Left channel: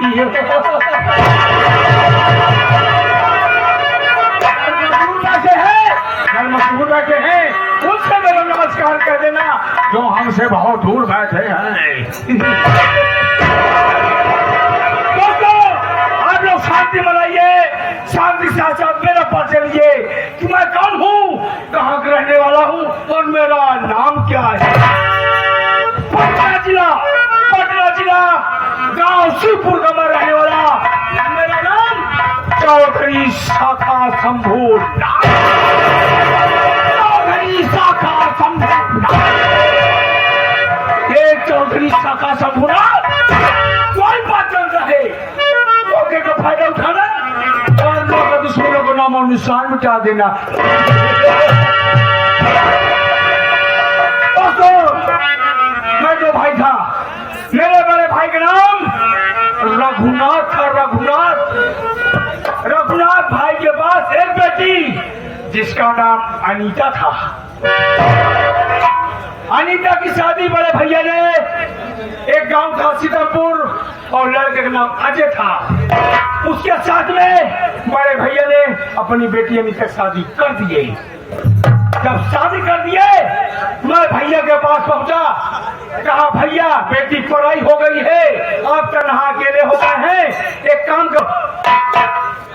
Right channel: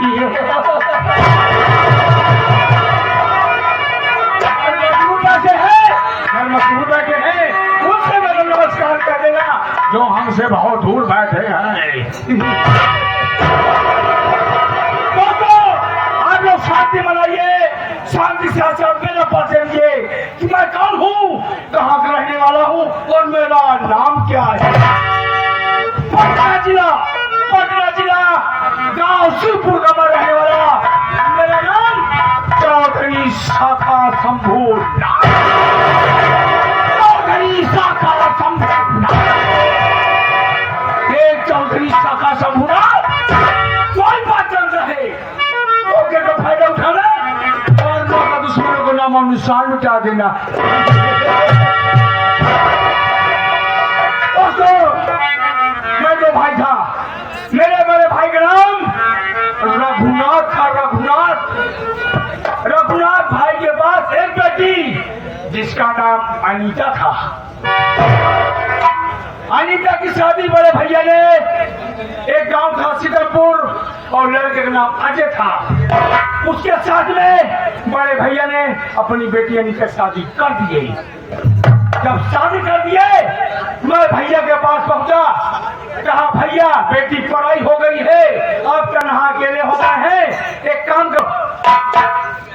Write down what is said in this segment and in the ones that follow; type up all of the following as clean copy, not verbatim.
दिए मशहूर बैठे हैं उनसे मेरा नमस्कार कर देना जो हमसे बहुत दूर बैठे हैं। तो आप लोग शांति मनाइए, शांति से आचार मेरा परिचय दीजिए कि मैं कौन हूँ, कहाँ का रहने वाला हूँ और मेरा नाम क्या है। पटना जिला गांव शिवपुर का मैं रहने वाला, मेरा नाम चौधरी शाखा शंभू। चौधरी शाखा शंभूरा कोई बात चल रहे ओके का फायदा उठाना और लोग का दुश्मनों को नाम और निशान मिटा देना। दोस्तों मैं जो भाई था, मेरे बड़े भाई का नाम रघुनाथ था। रघुनाथ भाई के पास एक बेटी जिसका नाम अनीता था। अनीता की शादी बड़े भैया ने, एक गांव था सीतापुर और लड़के का नाम अजय था, उसके साथ में बड़े भैया ने अपनी बेटी अनीता की शादी कर दिए। जब शादी कर दिए मैं भैया के पास पहुंचा, कहा भैया बेटी पढ़ाई हो गई है, अब तनहा अकेले हो गए हैं, एक काम करो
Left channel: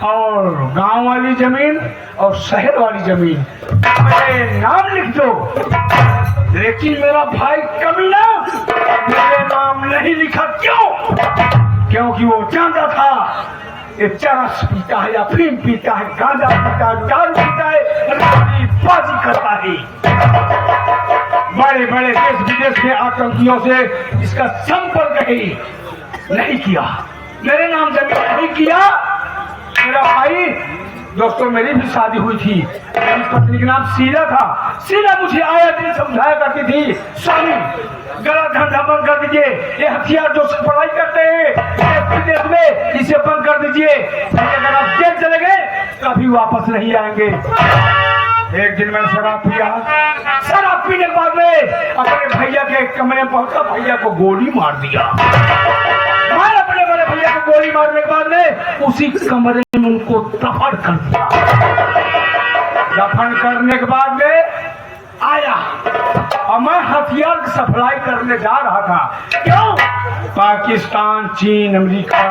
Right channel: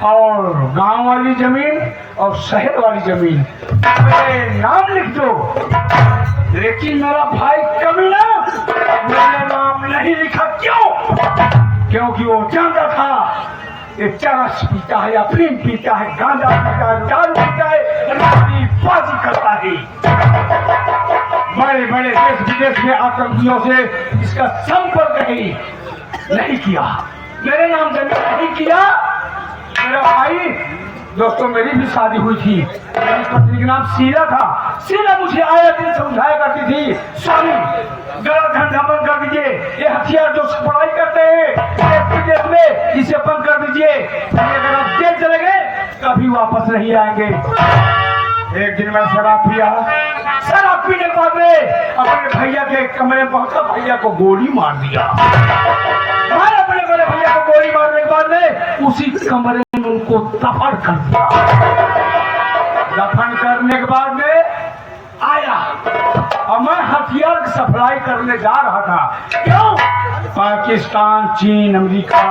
और गांव वाली जमीन और शहर वाली जमीन मेरे नाम लिख दो। लेकिन मेरा भाई कमीना मेरे नाम नहीं लिखा। क्यों? क्योंकि वो जानता था ये चरस पीता है, अफीम पीता है, गांजा पीता है, दारू पीता है, बाजी करता है। बड़े बड़े देश विदेश के आतंकियों से इसका संपर्क ही नहीं किया, मेरे नाम जमीन नहीं किया। मेरा भाई, दोस्तों मेरी भी शादी हुई थी, मेरी पत्नी का नाम शीला था। शीला मुझे आया दिन समझाया करती थी, स्वामी गलत धंधा बंद कर दीजिए, ये हथियार जो सप्लाई करते हैं विदेश में इसे बंद कर दीजिए, अगर आप जेल चले गए कभी वापस नहीं आएंगे। एक दिन मैं शराब पिया, शराब पीने के बाद में अपने भैया के कमरे में पहुंचा, भैया को गोली मार दिया। अपने बड़े भैया को गोली मारने के बाद में उसी कमरे में उनको दफन कर दिया। दफन करने के बाद में आया और मैं हथियार की सप्लाई करने जा रहा था। क्यों? पाकिस्तान, चीन, अमेरिका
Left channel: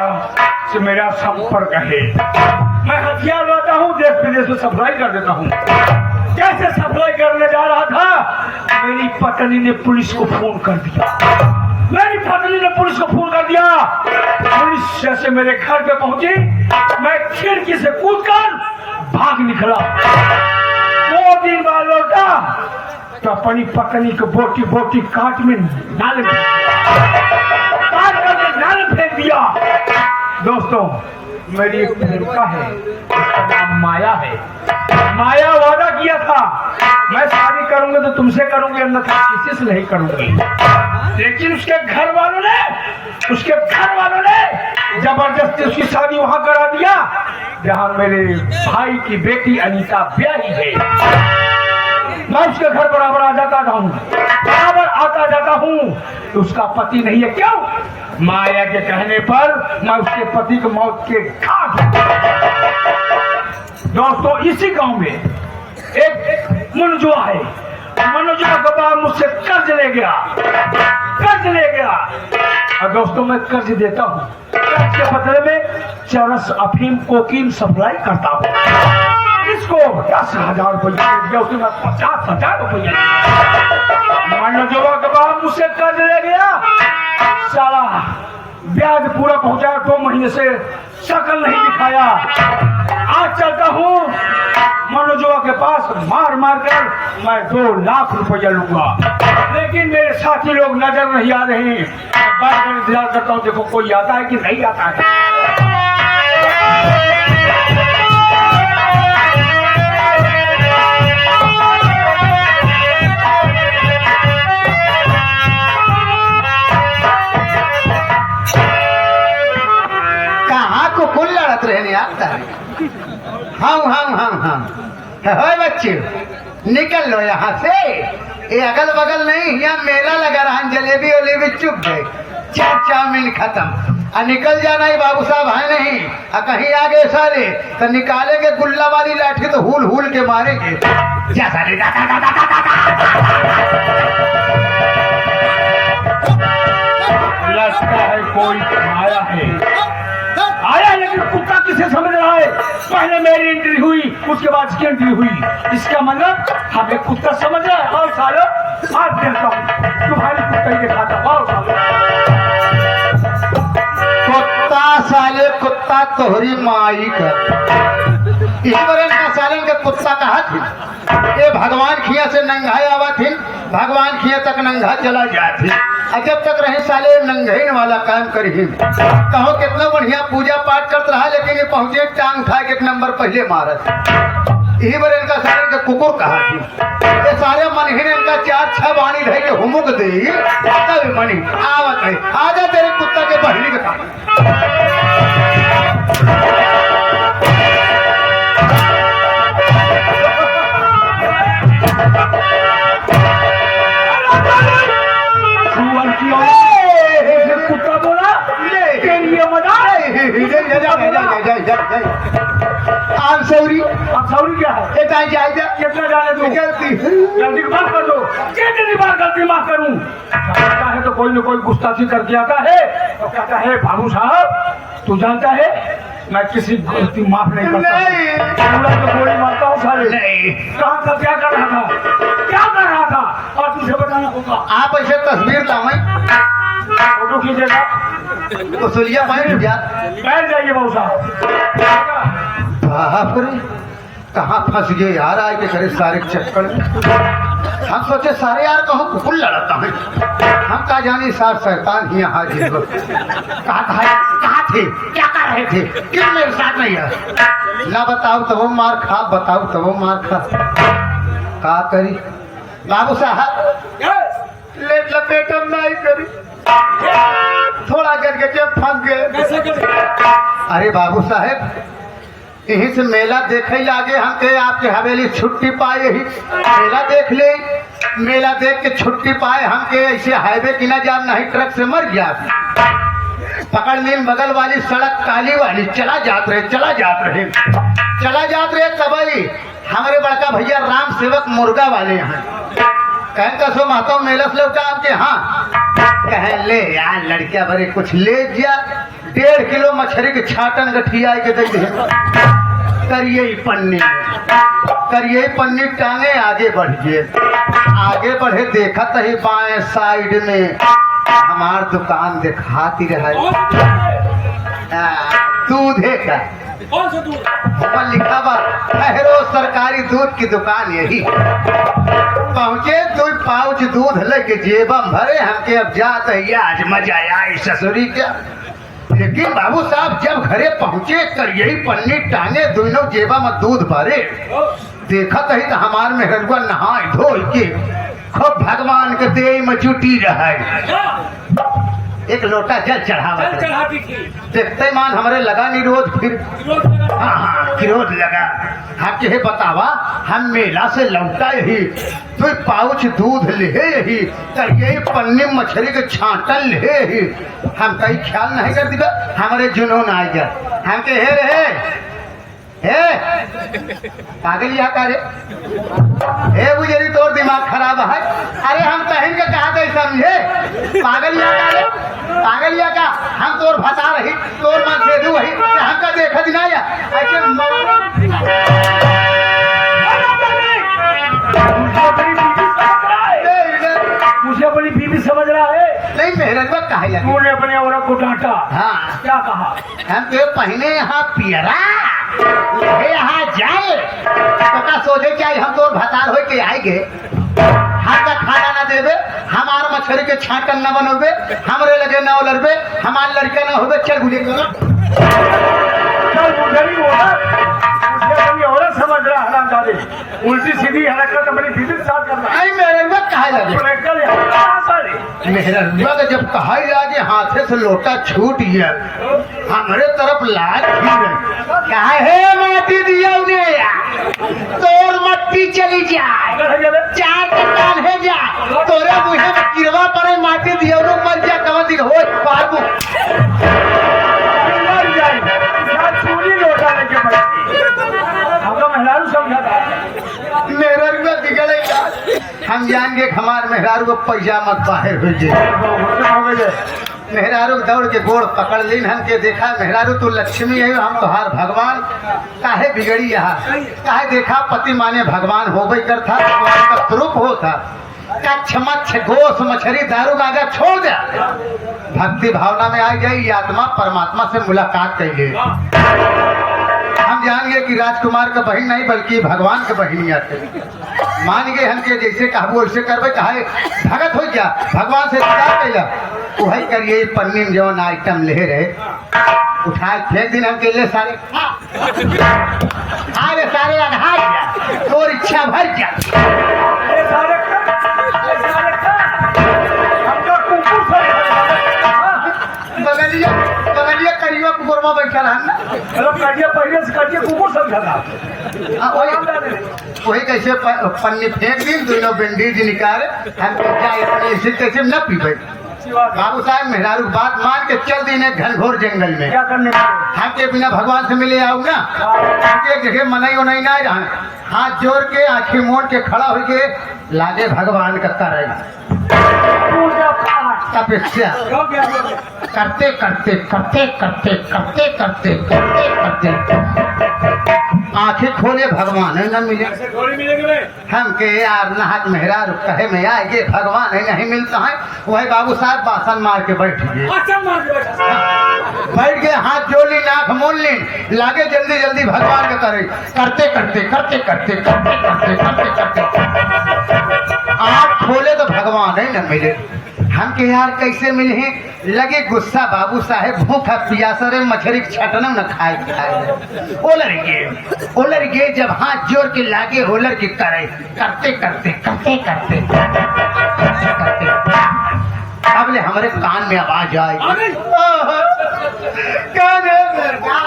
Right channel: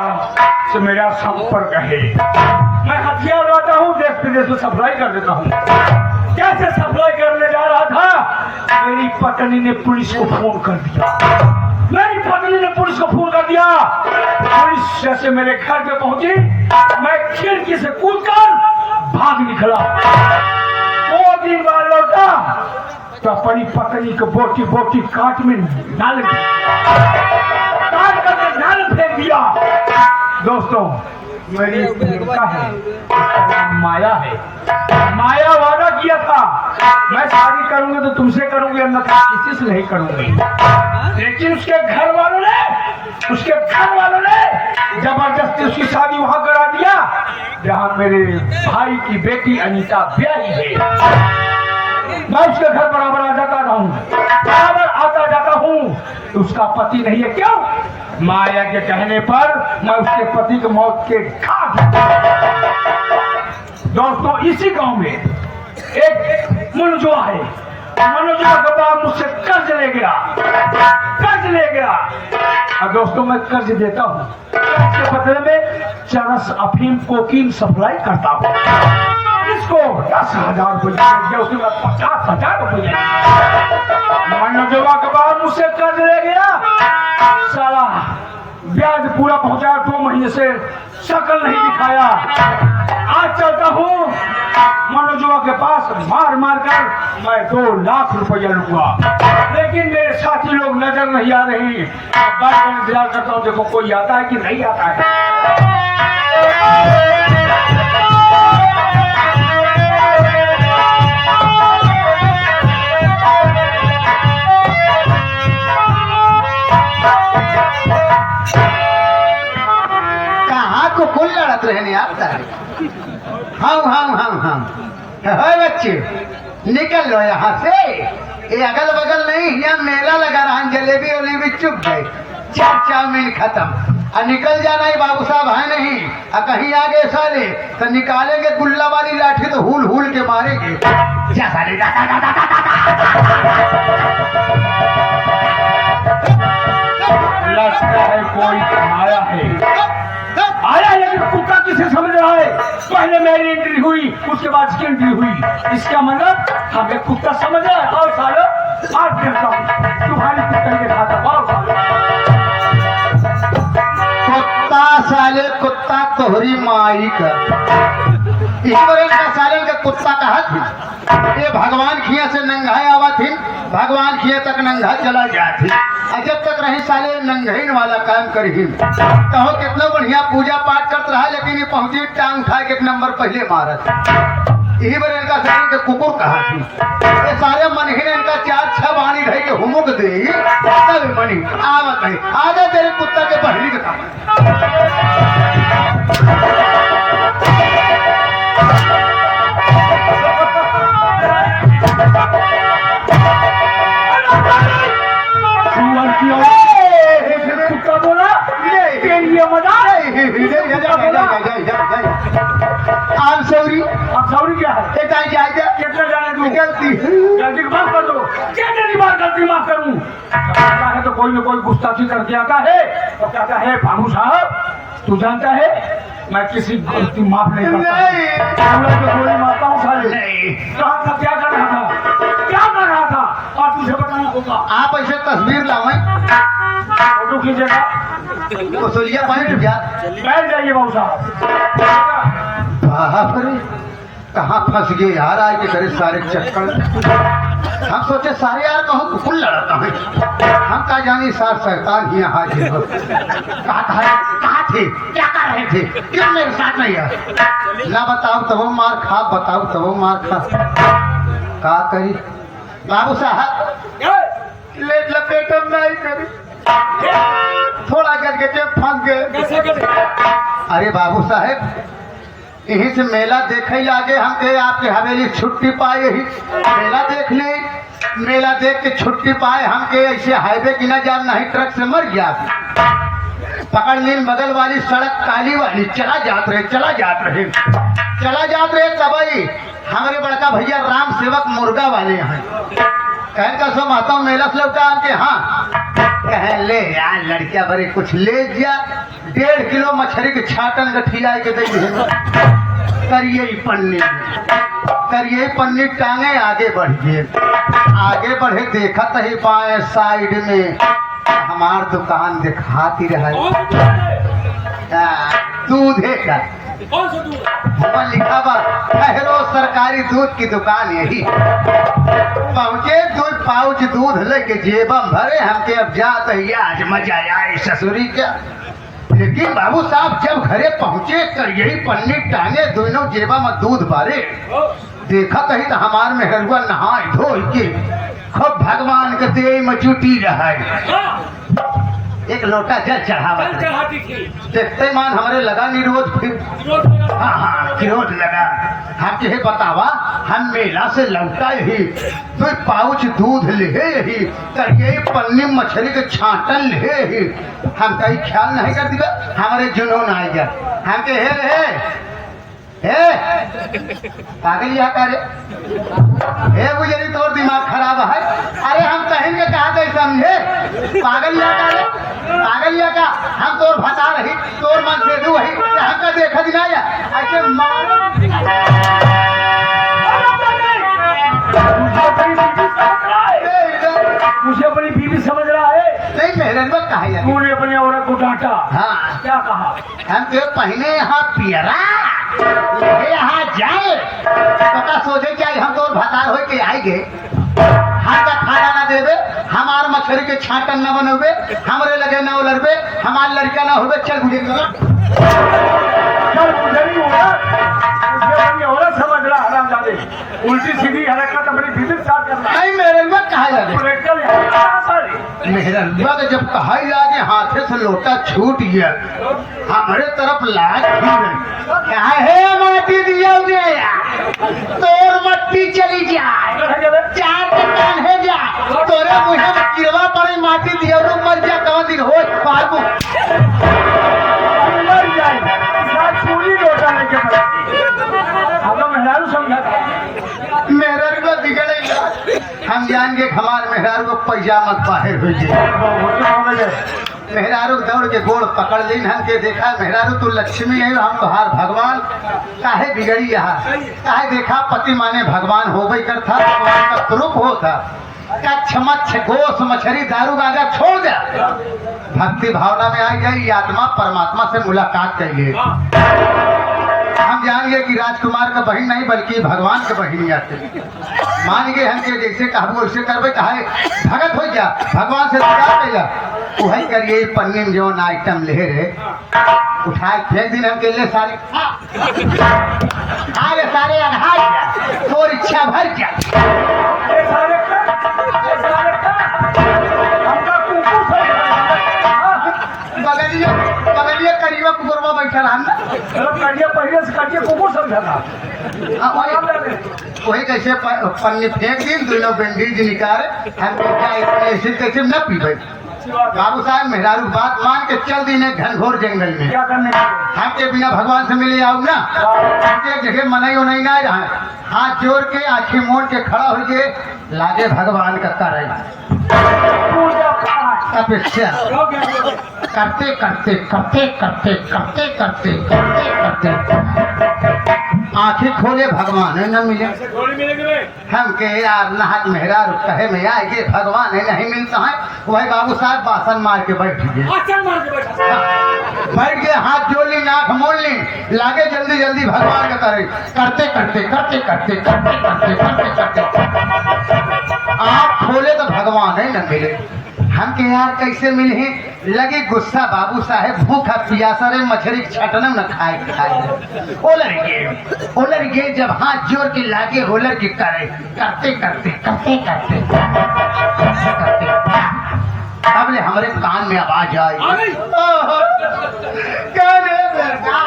से मेरा संपर्क है, मैं हथियार लाता हूँ, देश विदेश में सप्लाई कर देता हूँ। कैसे सप्लाई करने जा रहा था, मेरी पत्नी ने पुलिस को फोन कर दिया। मेरी पत्नी ने पुलिस को फोन कर दिया, पुलिस जैसे मेरे घर पे पहुंची, मैं खिड़की से कूदकर भाग निकला। 2 दिन बाद लौटा तो अपनी पत्नी को बोटी बोटी काट में डाल फेंक दिया। दोस्तों मेरी एक प्रेमिका है, उसका नाम माया है। माया वादा किया था मैं शादी करूंगा तो तुमसे करूंगी, अन्यथा किसी से नहीं करूंगी। लेकिन उसके घर वालों ने जबरदस्ती उसकी शादी वहां करा दिया जहां मेरे भाई की बेटी अनीता ब्याही है। मैं उसके घर बराबर आता जाता हूँ, उसका पति नहीं है। क्यों? माया के कहने पर मैं उसके पति की मौत के घाट। दोस्तों इसी गांव में एक मनोजुआ है, मनोजुआ के बाद मुझसे कर्ज ले गया। और दोस्तों मैं कर्ज देता हूँ, इसके बदले में चरस, अफीम, कोकीन सप्लाई करता हूँ। इसको 10,000 रुपये, उसके बाद 50,000 रुपये। मनोजुआ के बाद मुझसे कर्ज ले गया, साला ब्याज पूरा पहुंचाया, 2 महीने से शकल नहीं दिखाया। आज चलता हूँ मनोजुआ के पास, मार कर मैं 2 लाख रुपया लूंगा, लेकिन मेरे साथी लोग नजर नहीं आ रहे हैं। बार इंतजार करता हूँ, देखो कोई आता है कि नहीं आता है। कुल लड़त रहे नहीं आता है। हम बच्चे निकल लो यहाँ से, ये अगल बगल नहीं, यहाँ मेला लगा रहा, जलेबी वलेबी चुप गए, चाउमीन खत्म। निकल जाना ही बाबू साहब है नहीं। कहीं आगे सारे तो निकालेंगे गुल्ला वाली लाठी तो हुल हुल के मारेंगे। जा साले जा, जा, जा, जा, जा, लगता है कोई आया है, आया, लेकिन कुत्ता किसे समझ रहा है? पहले मेरी एंट्री हुई, उसके बाद इसकी एंट्री हुई। इसका मतलब हमें कुत्ता समझ रहा है। और सालो आप देखता हूँ तुम्हारी कुत्ता के साथ और कुत्ता साले कुत्ता तोहरी माई का ईश्वरन का साले का कुत्ता कहा थी। ये भगवान खिया से नंगा आवा थी, भगवान खिया तक नंगा चला जाती। जब तक रही साले नंगहीन वाला काम करी। कहो कितना बढ़िया पूजा पाठ करता रहा, लेकिन ये पहुंचे टांग था एक नंबर पहले मारत। यही बार इनका सारे के कुकुर कहा थी। ये सारे मनहीन इनका 4-6 वाणी रह के हुमुक दे तब मनी आवत है। आजा तेरे कुत्ता के बढ़ने का काम। कुत्ता बोला आम सौरी अब सौरी क्या है? कितना जाने तू जल्दी माफ कर दो। कितनी बार गलती माफ करूं? आता है तो कोई न कोई गुस्ताखी करके आता है तो कहता है भानु साहब तू जानता है मैं किसी गलती माफ नहीं करता। तो गोली मारता हूँ साले। कहाँ था, क्या कर रहा था, क्या कर रहा था? और तुझे बताना होगा। आप ऐसे तस्वीर लावे फोटो खींचेगा तो सोलिया बैठ गया। बैठ जाइए बाबू साहब। बाप रे कहाँ फंस गए यार, आज के करे सारे चक्कर। हम सोचे सारे यार कहूँ कुकुर लड़ता है, हम का जानी सार शैतान ही यहाँ हाजिर हो। कहाँ थे, क्या कर रहे थे, क्यों मेरे साथ नहीं है? ना बताओ तो वो मार खा, बताओ तो वो मार खा। का करी बाबू साहब लेट लपेटम नहीं करी, थोड़ा करके जब फंस गए। अरे बाबू साहब यहीं से मेला देखे लागे हम के आपके हवेली छुट्टी पाए ही मेला देख ले। मेला देख के छुट्टी पाए हम के ऐसे हाईवे की ना जाम नहीं ट्रक से मर गया। पकड़ नील बगल वाली सड़क काली वाली चला जात रहे तबाई हमारे बड़का भैया राम सेवक मुर्गा वाले हैं। कहन का सो माता मेला से लौटा आपके। हाँ कह ले यार लड़किया बड़े कुछ ले जा 1.5 किलो मछली के छाटन गठिया के दे करिए पन्नी टांगे आगे बढ़िए। आगे बढ़े देखा ही पाए साइड में हमार दुकान दिखाती रहे। दूधे का ऊपर लिखा हुआ ठहरो सरकारी दूध की दुकान यही। पहुंचे 2 पाउच दूध लेके जेबम भरे हमके अब जात है आज मजा आए ससुरी क्या। लेकिन बाबू साहब जब घरे पहुंचे तो यही पन्नी टांगे दोनों जेबा में दूध भरे। देखा कहीं तो हमार में हरुआ नहाए धोल के खूब भगवान के देह में जुटी रहा। एक लोटा जल चढ़ावा देखते मान हमारे लगा निरोध फिर हाँ विरोध लगा। हम ये बतावा हम मेला से लौटा यही 2 पाउच दूध ले यही तो यही पन्नी मछली के छाटन ले यही। हम कहीं ख्याल नहीं कर दिया हमारे जुनून आ गया। हम के हे पागल यहाँ का रे हे गुजरी तोर दिमाग खराब है। अरे हम कहीं के कहा गए समझे पागल यहाँ का हम तोर भता रही तोर मन से वही हमका देखा दिना ऐसे मुझे अपनी बीवी समझ रहा है। नहीं मेहरन में कहा लगे तूने अपने औरत को डांटा। हाँ क्या कहा? हम तो पहले यहाँ पियरा यहाँ जाए पता सोचे चाहिए हम तो भतार हो के आएंगे। हम का खाना ना दे दे हमार मछली के छाटन न बनोगे हमरे लगे न उलरबे हमार लड़का ना होगे चल गुजर औरत समझ रहा है। उल्टी सीधी हरकत अपनी बीवी साथ करना। नहीं मेरे में कहा लगे मेहरन जब कहा लगे हाथे से लोटा छूट गया हमारे तरफ लाग क्या है माटी दिया तोर मट्टी चली जाए 4 टन है जाए तोरे मुहे में गिरवा पर माटी दिया मर जा कहाँ दिन हो बाबू चूड़ी लौटाने के बाद हम लोग मेहरारू समझा था मेहरारू को बिगड़ेगा। हम जाएंगे हमारे मेहरारू को पैजामा बाहर हो जाए। मेहरारू दौड़ के गोड़ पकड़ लीन हमके देखा मेहरारू तू लक्ष्मी है हम तोहार भगवान काहे बिगड़ी यहाँ काहे देखा पति माने भगवान हो गई करता भगवान का स्वरूप होता कच्छ मच्छ गोश मछली दारू गांजा छोड़ दे भक्ति भावना में आ गई आत्मा परमात्मा से मुलाकात करिए। हम जानेंगे कि राजकुमार का बहन नहीं बल्कि भगवान के बहन आते मान गए हमके जैसे कहबो वैसे करबे कहा भगत हो गया भगवान से करेगा वही करिए पन्नी में जो आइटम ले रहे उठा फेंक दिन हमके ले सारे अरे सारे अघाई तोर इच्छा भर क्या बगलिया बगलिया करियो गोरवा बैठा रहा पहले से कटिए कुकुर समझा था वही कैसे पन्नी फेंक दी दोनों बैंडेज निकाले हम ऐसे कैसे न पी भाई बाबू साहब मेहरारू बात मान के चल दी घनघोर जंगल में क्या करने हमके बिना भगवान से मिले आओ ना हमके जगह मनाई उनाई ना रहा हाथ जोड़ के आंखें मोड़ के खड़ा हो के लागे भगवान का करेगा तपस्या करते करते करते करते करते करते करते करते आंखें खोले भगवान है न मिले हमके यार नहात मेहरारू कहे में आएगे भगवान है नहीं मिलता है वही बाबू साहब बासन मार के बैठ गए बैठ गए हाथ जोड़ ली नाक मोड़ ली लागे जल्दी जल्दी भगवान के तरह करते करते करते करते करते करते करते करते आँख खोले तो भगवान है न मिले हमके यार कैसे मिले लगे गुस्सा बाबू साहेब भूखा पियासा रे मछली छटना न खाए ओलर गे जब हाथ जोड़ के लागे होलर की करे करते करते करते करते करते अब ले हमारे कान में आवाज आई कान है बेटा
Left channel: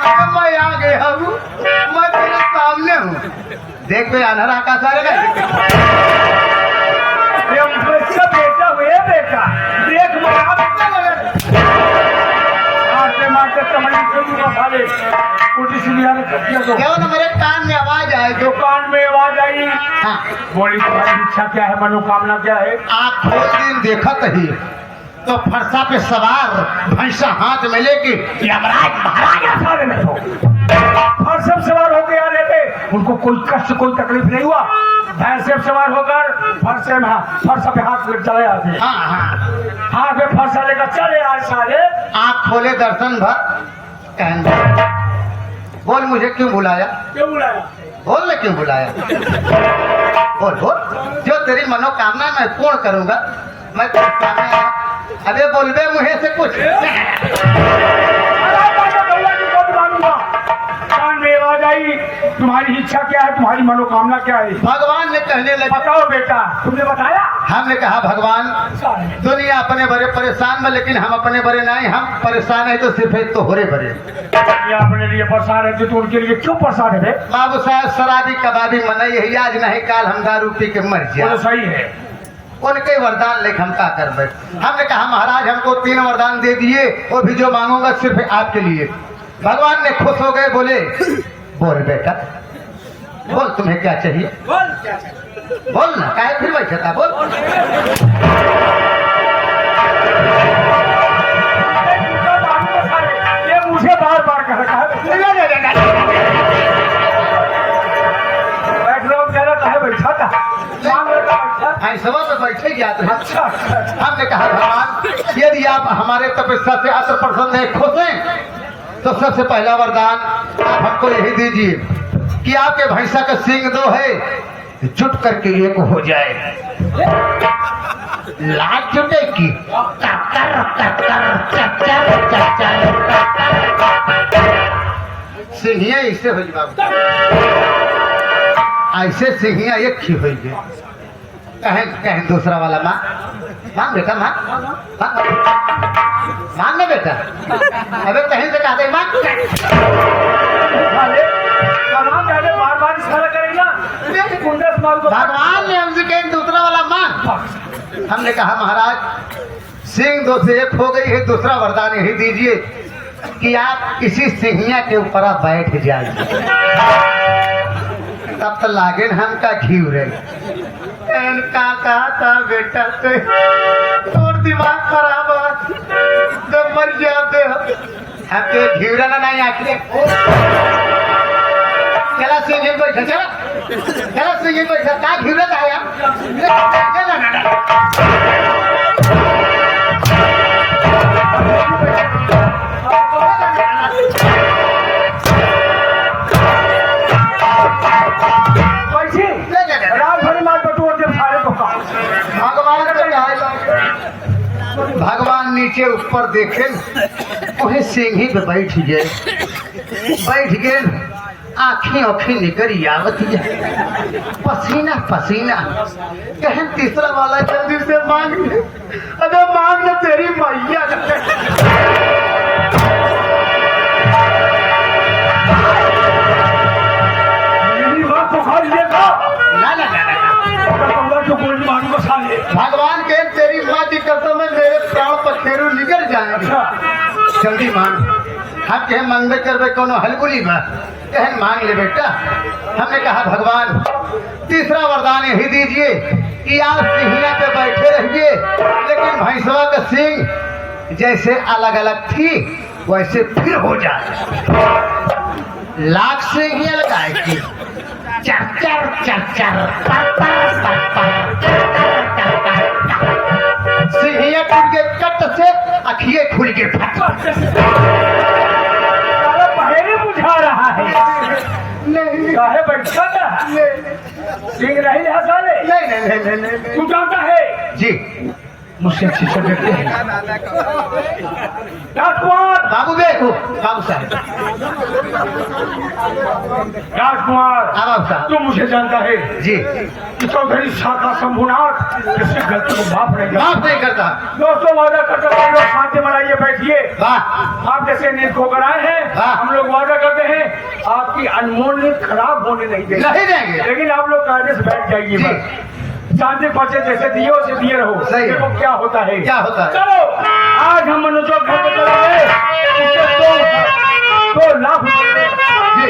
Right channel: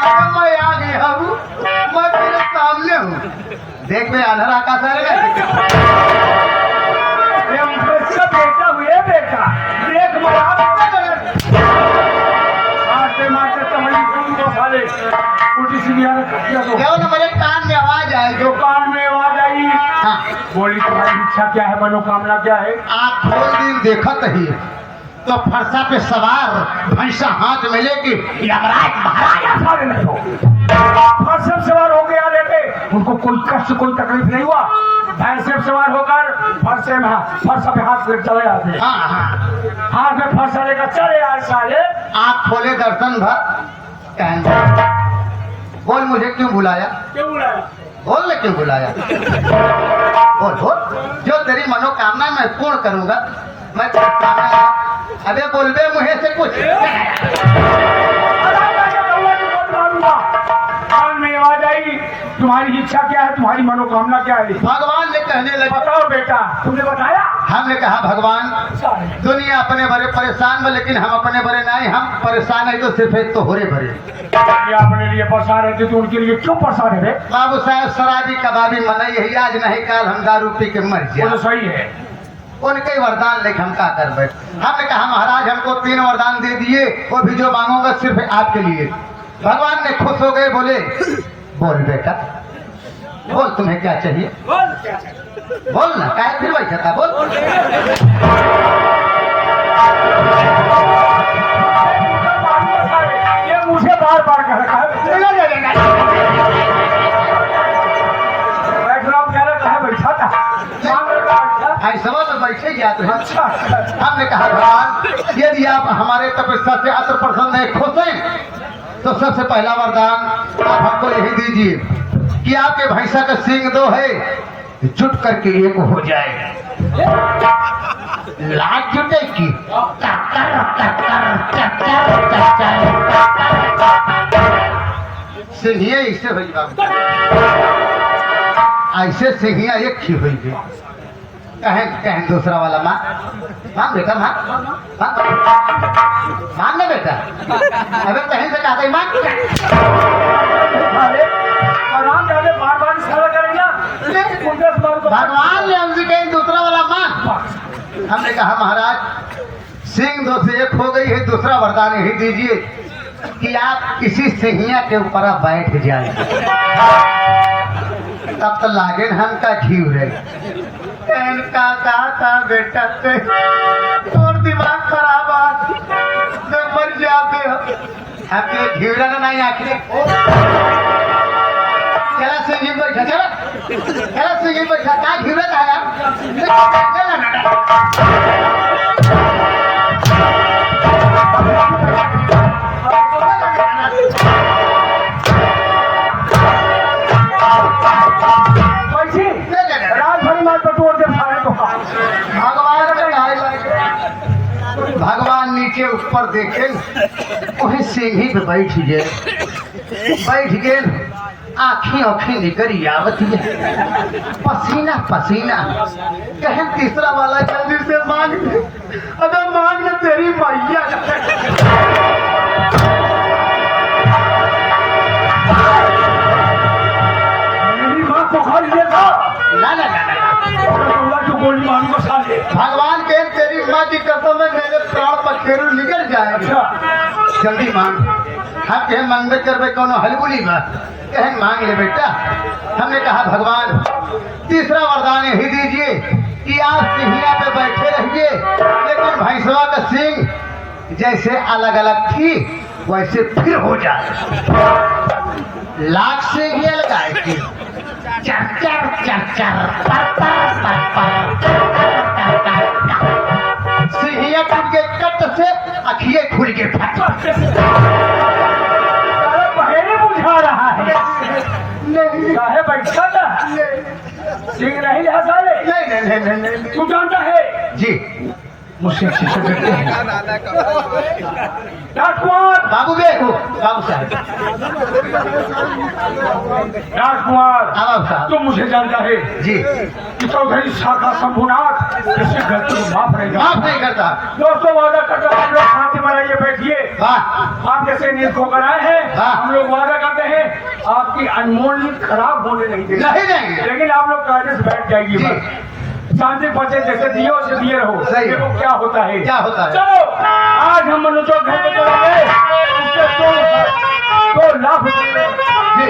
अब मैं आ गए हम मैं तेरे सामने हूँ देख मेरे आधार आकाश बेटा हुए बेटा देख मेरे कान में आवाज आए जो कान में आवाज आई हाँ बोली तुम्हारी इच्छा क्या है मनोकामना क्या है आप खोल दिन देखा कही तो फरसा पे सवार भैंसा हाथ में लेके यमराज महाराजा सारे में हो फरसा सवार हो गया लेके उनको कोई कष्ट कोई तकलीफ नहीं हुआ भैंसे सवार होकर फरसा पे हाथ लेकर चले आते हाथ में फरसा लेकर चले आए साले आप खोले दर्शन भर कहने बोल मुझे क्यों बुलाया बोल ले क्यों बुलाया बोल बोल जो तेरी मनोकामना मैं पूर्ण करूंगा मैं अबे बोलबे मुझे से कुछ में आवाज आई तुम्हारी इच्छा क्या है तुम्हारी मनोकामना क्या है भगवान ने कहने लगे बताओ बेटा तुमने बताया हमने कहा भगवान दुनिया अपने बड़े परेशान में लेकिन हम अपने बड़े नहीं हम परेशान है तो सिर्फ एक तो हो रहे बड़े ये अपने लिए परेशान है तो उनके लिए क्यों परेशान है बाबू साहब शराबी कबाबी मनाई है आज नहीं काल हम दारू पी के मर जाए सही है उनके वरदान लेकर हम क्या कर रहे हमने कहा महाराज हमको 3 वरदान दे दिए वो भी जो मांगूंगा सिर्फ आपके लिए भगवान ने खुश हो गए बोले बोल बेटा बोल तुम्हें क्या चाहिए बोल ना क्या फिर बैठा था बोल ये मुझे बार बार कह रहा बैठा था सभा में बैठे गया तो हमने कहा भगवान यदि आप हमारे तपस्या से अत्र प्रसन्न है खुश हैं तो सबसे पहला वरदान आप हमको यही दीजिए कि आपके भैंसा का सींग 2 है जुट करके एक हो जाए लाख जुटे की सिंहिया इससे हो बाबू ऐसे सिंहिया एक ही हुई कहें दूसरा वाला माँ बेटा माँ मांग बेटा अबे कहीं से कहते माँ बार बार इशारा करेगा भगवान ने हमसे कहीं दूसरा वाला माँ हमने कहा महाराज सिंह 2 से 1 हो गई है, दूसरा वरदान यही दीजिए कि आप इसी सिंहिया के ऊपर आप बैठ जाइए। तब तो लागे हम का घी रहे का कहा था बेटा और दिमाग खराब जब मर जाते आपके घीवरा नहीं आखिर चला सिंह बैठा चला सिंह बैठा क्या घीवरा आया भगवान नीचे ऊपर देखे उन्हें सिंह ही पे बैठ गए आँखी आँखी निकल आवत है पसीना पसीना कहें तीसरा वाला जल्दी से मांग अगर मांग न तेरी मैया मेरी माँ तो खा लिएगा ना जो गोली मारू बसा ले। भगवान के तेरी माँ की कसम में मेरे प्राण पखेरु निकल जाएंगे जल्दी मांग हम कहे मांगते कर कोनो हलबुली में कहे मांग ले बेटा। हमने कहा भगवान तीसरा वरदान यही दीजिए कि आप सिंहिया पे बैठे रहिए लेकिन भैंसवा का सिंह जैसे अलग अलग थी वैसे फिर हो जाए लाख सिंहिया लगाए थी चर सिंहिया खुल के कट से अखिए खुल के पहले बुझा रहा है नहीं है बैठा ना सिंह नहीं है साले नहीं तू जानता है जी मुझसे अच्छे से डरते हैं राजकुमार बाबू देखो बाबू साहब राजकुमार साहब तो मुझे जानता है जी कि चौधरी शाखा शंभुनाथ इससे गलती को माफ नहीं करता माफ नहीं करता दोस्तों वादा करते हैं हम लोग शांति बनाइए बैठिए वाह आप जैसे नींद को बनाए हैं हाँ। हम लोग वादा करते हैं आपकी अनमोल नींद खराब होने नहीं देंगे नहीं देंगे लेकिन आप लोग कायदे से बैठ जाइए जी। बस। शांति बचे जैसे दियो से दिए रहो सही है। देखो क्या होता है क्या होता है चलो आज हम मनुष्यों घर पे चलेंगे उसके 2 लाख रुपए जी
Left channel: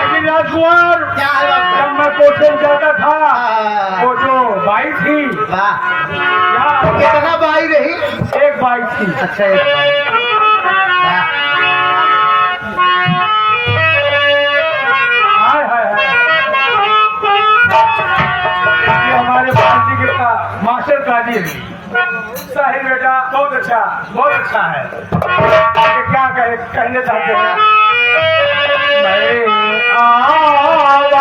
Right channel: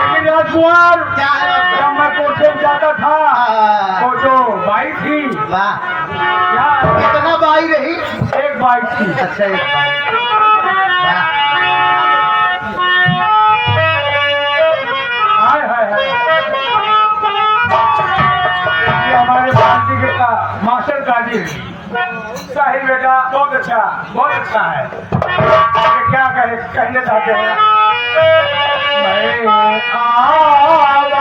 लेकिन राजकुमार क्या है जब मैं कोठे में जाता था वो जो बाई थी वाह क्या कितना बाई रही एक बाई थी अच्छा एक बाई वाह हाय हाय हाय ये हमारे भारती के का मास्टर काजी साहिब बेटा बहुत अच्छा है ये क्या कहने चाहते हैं मैं आवाज़